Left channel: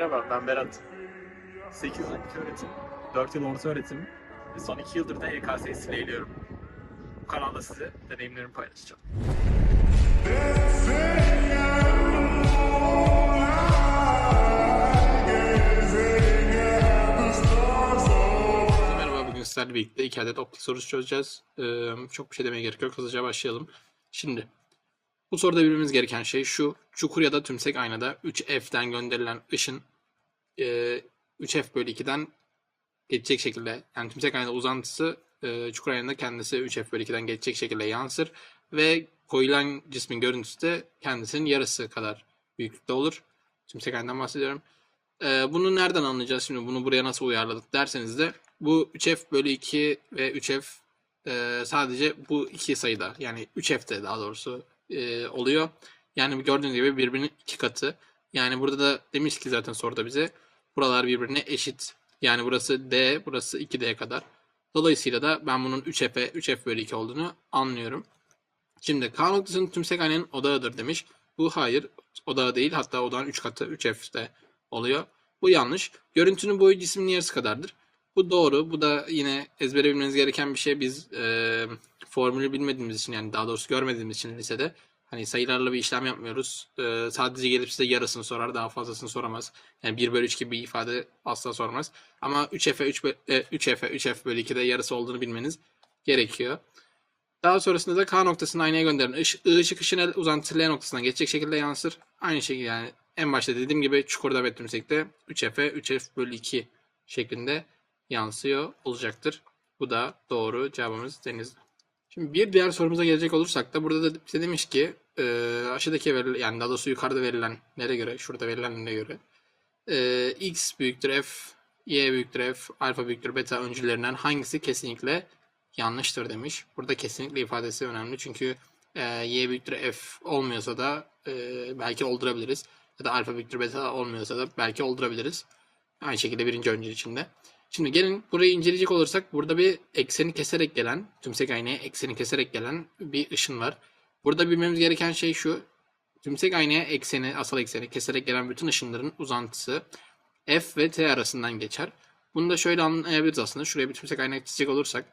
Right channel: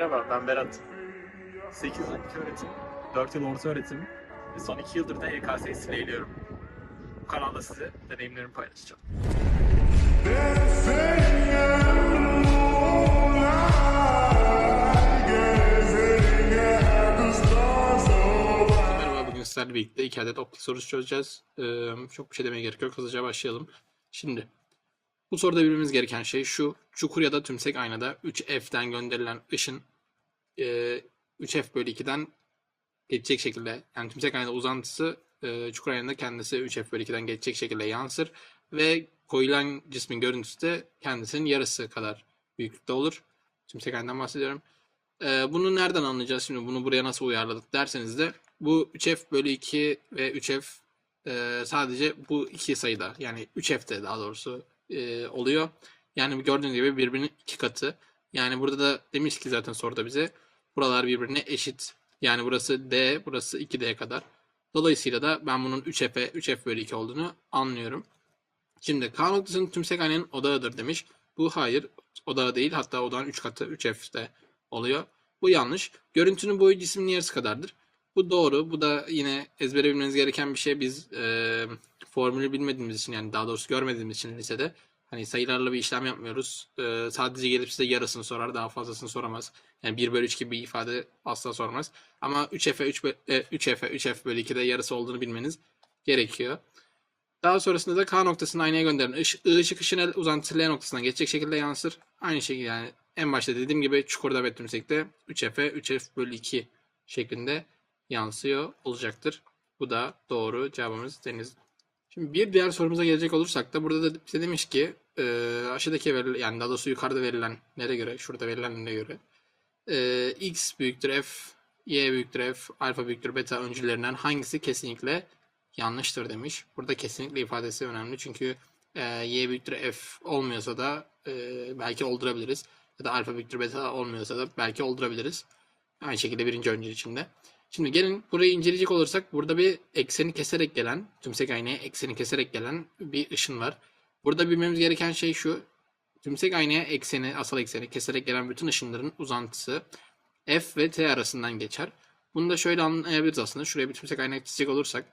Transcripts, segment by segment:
Merhaba, ben Berat. 8 yıl ilk öğretim, 4 yıl orta öğretim ve son 2 yıldır da YKS'yi sileyliyorum. Bu kanalda size deneyimlerimi paylaşacağım. Merhaba bugün birlikte iki adet optik sorusu çözeceğiz. Ee, çok bir şey demeye gerek yok. Hızlıca başlayalım. Şimdi bu soruda bilmemiz gereken şey şu. Çukur ya da tümsek aynada 3F'den gönderilen ışın e, 3F bölü 2'den geçecek şekilde yani tümsek aynada uzantısı e, çukur aynada kendisi 3F bölü 2'den geçecek şekilde yansır ve koyulan cismin görüntüsü de kendisinin yarısı kadar büyüklükte olur. Tümsek aynadan bahsediyorum. Ee, bunu nereden anlayacağız şimdi? Bunu buraya nasıl uyarladık derseniz de bu 3f bölü 2 ve 3f e, sadece bu iki sayıda yani 3f'te daha doğrusu e, oluyor. Yani gördüğünüz gibi birbirinin iki katı. Yani burada da demiş ki zaten soruda bize buralar birbirine eşit. Yani burası d, burası 2d kadar. Dolayısıyla da ben bunun 3f'e 3f bölü 2 olduğunu anlıyorum. Şimdi K noktasının tümsek aynenin odağıdır demiş. Bu hayır odağı değil hatta odağın 3 katı 3f'te oluyor. Bu yanlış. Görüntünün boyu cismin yarısı kadardır. Bu doğru. Bu da yine ezbere bilmeniz gereken bir şey. Biz e, formülü bilmediğimiz için yani daha doğrusu görmediğimiz için lisede hani sayılarla bir işlem yapmıyoruz. E, sadece gelip size yarısını sorar. Daha fazlasını soramaz. Yani 1 bölü 3 gibi bir ifade asla sormaz. Ama 3F'e 3, bö- e, 3F'e 3F bölü 2'de yarısı olduğunu bilmeniz gerekiyor. Daha sonrasında da K noktasını aynaya gönderilen ışık, I ışık ışığın uzantısı L noktasına geçecek şekilde yansır. Aynı şekilde yani en başta dediğim gibi çukurda ve tümsekte 3F'e 3F bölü 2 şeklinde yansıyor olacaktır. Bu da doğru cevabımız denizli. Şimdi bir diğer sorumuza gelecek olursak da burada da demiş ki e, aşağıdaki verilen yani daha doğrusu yukarıda verilenlere göre şurada verilenlere göre e, x büyüktür f, y büyüktür f, alfa büyüktür beta öncüllerinden hangisi kesinlikle yanlıştır demiş. Burada kesinlikle ifadesi önemli çünkü e, y büyüktür f olmuyorsa da e, belki oldurabiliriz. Ya da alfa büyüktür beta olmuyorsa da belki oldurabiliriz. Aynı şekilde birinci öncül içinde. Şimdi gelin burayı inceleyecek olursak burada bir ekseni keserek gelen, tümsek aynaya ekseni keserek gelen bir ışın var. Burada bilmemiz gereken şey şu. Tümsek aynaya ekseni, asal ekseni keserek gelen bütün ışınların uzantısı F ve T arasından geçer. Bunu da şöyle anlayabiliriz aslında. Şuraya bir tümsek ayna çizecek olursak.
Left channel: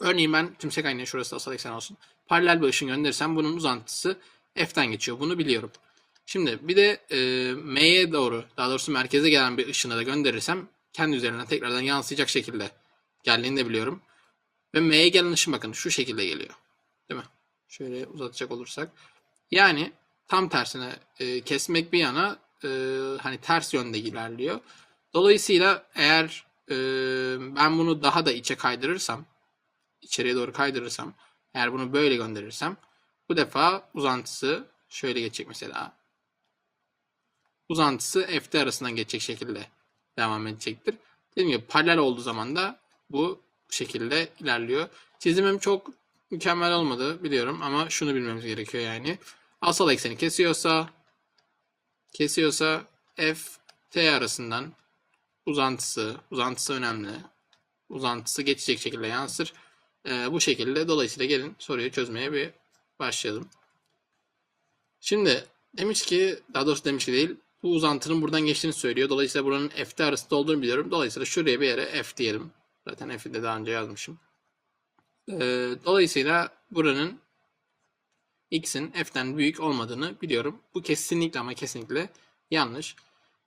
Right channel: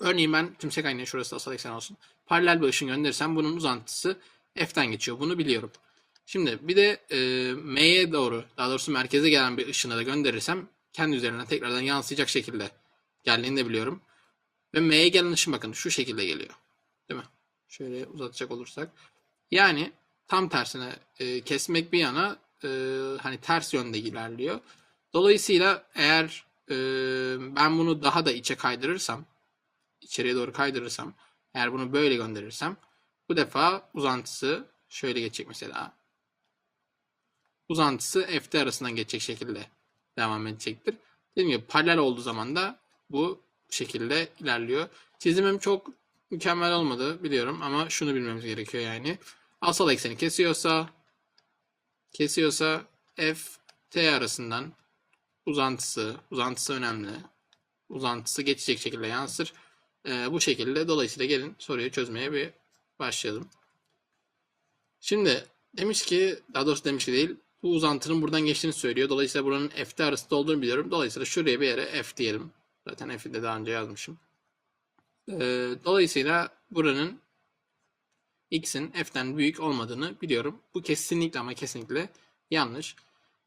Örneğin ben tümsek aynaya şurası asal eksen olsun. Paralel bir ışın gönderirsem bunun uzantısı F'ten geçiyor. Bunu biliyorum. Şimdi bir de e, M'ye doğru, daha doğrusu merkeze gelen bir ışını da gönderirsem kendi üzerinden tekrardan yansıyacak şekilde geldiğini de biliyorum. Ve M'ye gelen ışın bakın şu şekilde geliyor. Değil mi? Şöyle uzatacak olursak. Yani tam tersine e, kesmek bir yana e, hani ters yönde ilerliyor. Dolayısıyla eğer e, ben bunu daha da içe kaydırırsam, içeriye doğru kaydırırsam, eğer bunu böyle gönderirsem bu defa uzantısı şöyle geçecek mesela. Uzantısı F'de arasından geçecek şekilde devam edecektir. Dediğim gibi paralel olduğu zaman da bu şekilde ilerliyor. Çizimim çok mükemmel olmadı biliyorum ama şunu bilmemiz gerekiyor yani. Asal ekseni kesiyorsa kesiyorsa F T arasından uzantısı, uzantısı önemli. Uzantısı geçecek şekilde yansır. Ee, bu şekilde dolayısıyla gelin soruyu çözmeye bir başlayalım. Şimdi demiş ki, daha doğrusu demiş ki değil, bu uzantının buradan geçtiğini söylüyor. Dolayısıyla buranın F'te arasında olduğunu biliyorum. Dolayısıyla şuraya bir yere F diyelim. Zaten F'i de daha önce yazmışım. Ee, dolayısıyla buranın X'in F'ten büyük olmadığını biliyorum. Bu kesinlikle ama kesinlikle yanlış.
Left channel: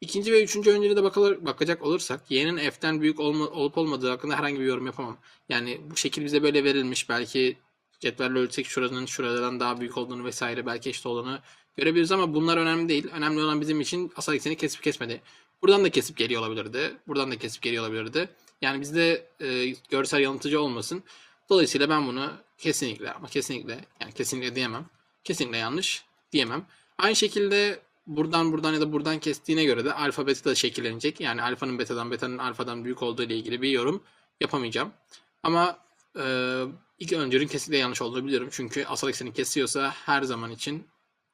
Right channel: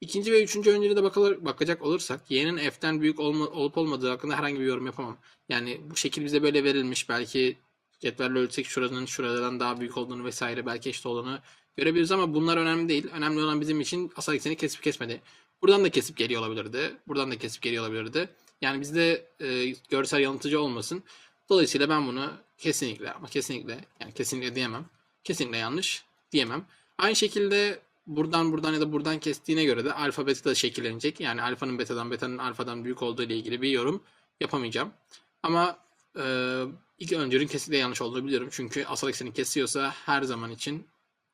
İkinci ve üçüncü öncüle de bakılır, bakacak olursak Y'nin F'ten büyük olma, olup olmadığı hakkında herhangi bir yorum yapamam. Yani bu şekil bize böyle verilmiş. Belki cetvelle ölçsek şuranın şuradan daha büyük olduğunu vesaire belki eşit olduğunu görebiliriz ama bunlar önemli değil. Önemli olan bizim için asal ekseni kesip kesmedi. Buradan da kesip geliyor olabilirdi. Buradan da kesip geliyor olabilirdi. Yani bizde e, görsel yanıltıcı olmasın. Dolayısıyla ben bunu kesinlikle ama kesinlikle yani kesinlikle diyemem. Kesinlikle yanlış diyemem. Aynı şekilde buradan buradan ya da buradan kestiğine göre de alfa beta da şekillenecek. Yani alfanın betadan betanın alfadan büyük olduğu ile ilgili bir yorum yapamayacağım. Ama e, ilk öncülün kesinlikle yanlış olduğunu biliyorum. Çünkü asal ekseni kesiyorsa her zaman için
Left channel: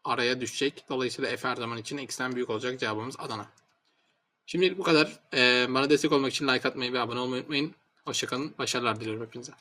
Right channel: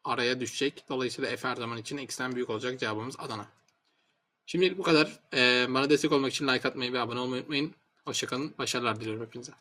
araya düşecek. Dolayısıyla f her zaman için x'ten büyük olacak. Cevabımız Adana. Şimdilik bu kadar. Ee, bana destek olmak için like atmayı ve abone olmayı unutmayın. Hoşçakalın. Başarılar diliyorum hepinize.